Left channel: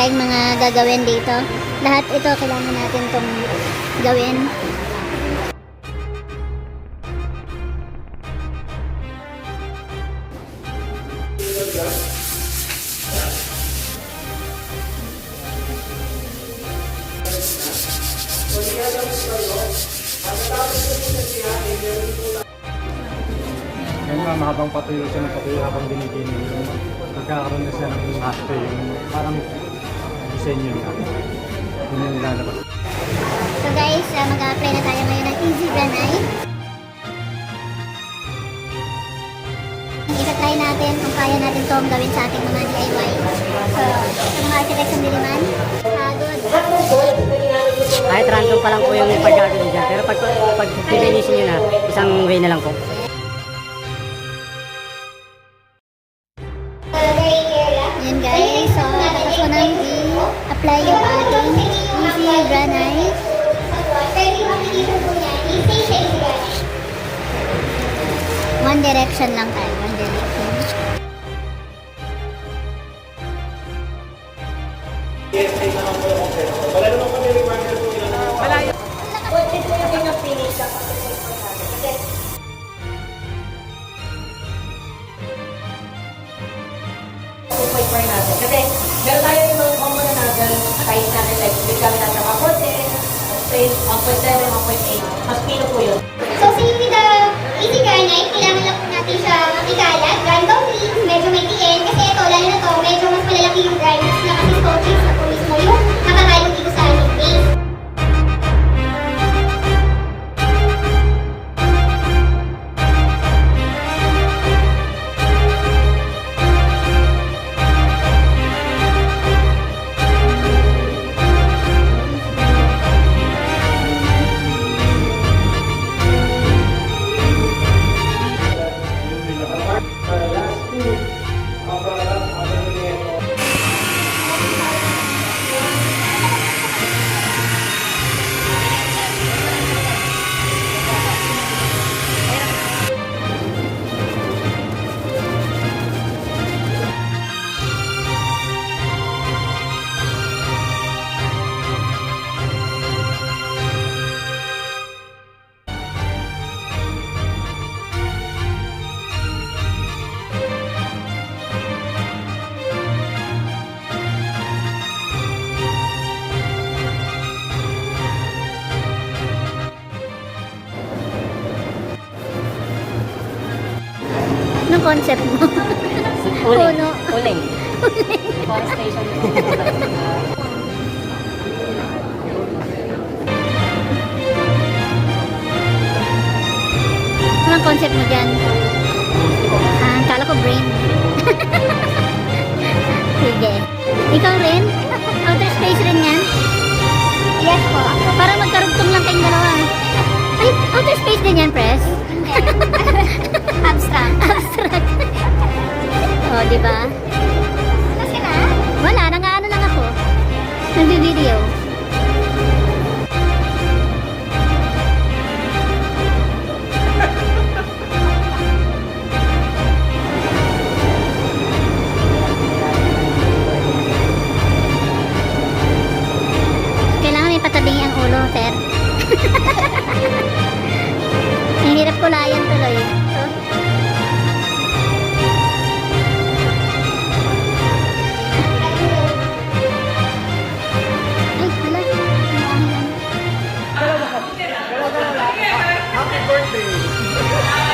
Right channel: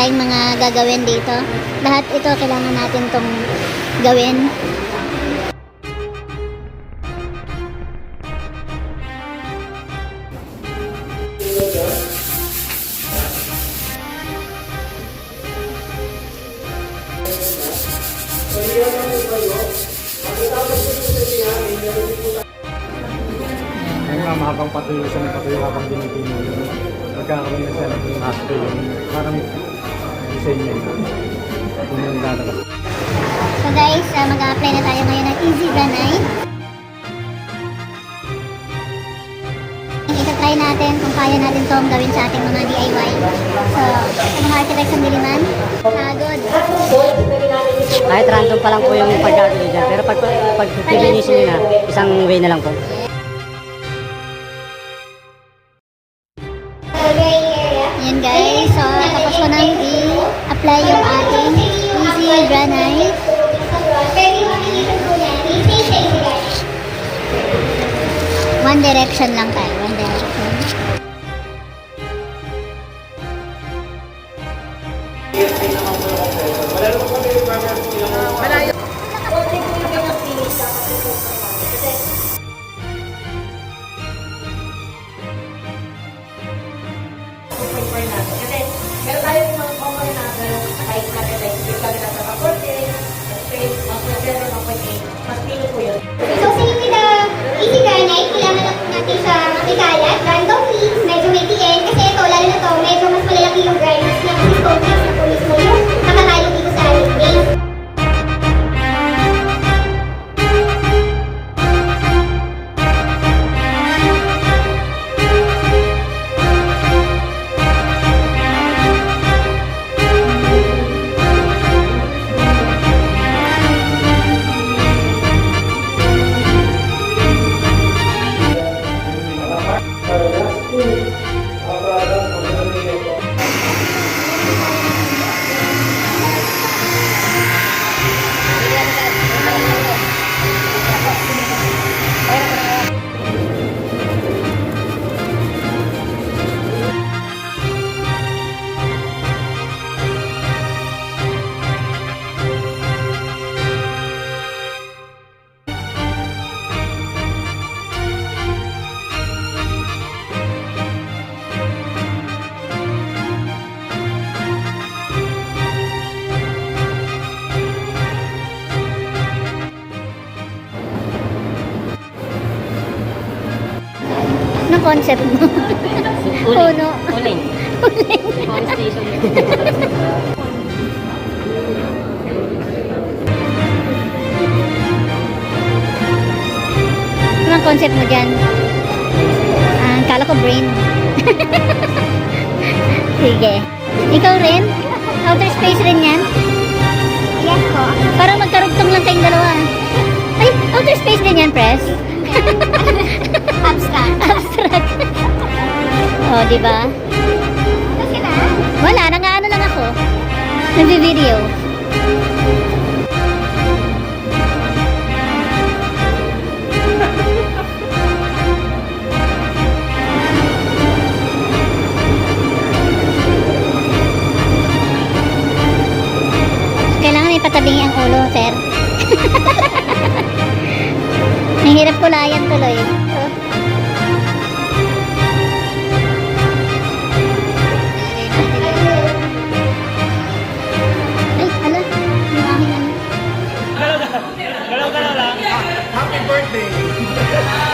tayong mga gagawin dito. Lahat ito kailangan natin tong gawin. Kaya nga mahabang patuyo siya ng patuyo habang dinigin mo. Magkakaroon na siya ng master yung parang design niya yun yung lalabas. So guys, mag-a-apply na tayo ngayon ng Easy Granay. Ita-try natin kung kaya natin itong gawin sa ating mga DIY. So, sa mga architects ng Diliman, good. Kahit random pa lang po yung pag-art nyo dyan. Pero pag finish nyo na, isang way na lang po. Yan guys, so tapos ko nang i-apply yung ating Easy Granay. One direction lang tayo, one direction. Kasi meron tayo yung mga component natin, size natin, like bigla natin sa 1.6, 1.7, 1.8. Mas pino po yun. So, same with the Easy Granite, kailangan lang po natin siya ikalat, randomly, medyo may TN, kasi ito, lalo na to, medyo mas malalaki yung granites niya kasi stone chips na po mismo yung nakakayo dito sa ating base. Anong concept mo? Puno. Uling. Phone station. Anong concept mo dyan? Kala ko brain. Sige. Ikaw rin? Outer space rin yan? Yes po. Parang magkarugtong lang kayong dalawa. Ay, outer space din yan, Press? Abstract. Abstract. Oh, di ba? Kasi na? Wala, nang-ano lang ako. Nagbi-video. Kailangan may patabingi ang ulo, sir. Ang hirap kulayan tuloy. So, ay, hala. Yung aking ano. Galaw lang. Happy birthday!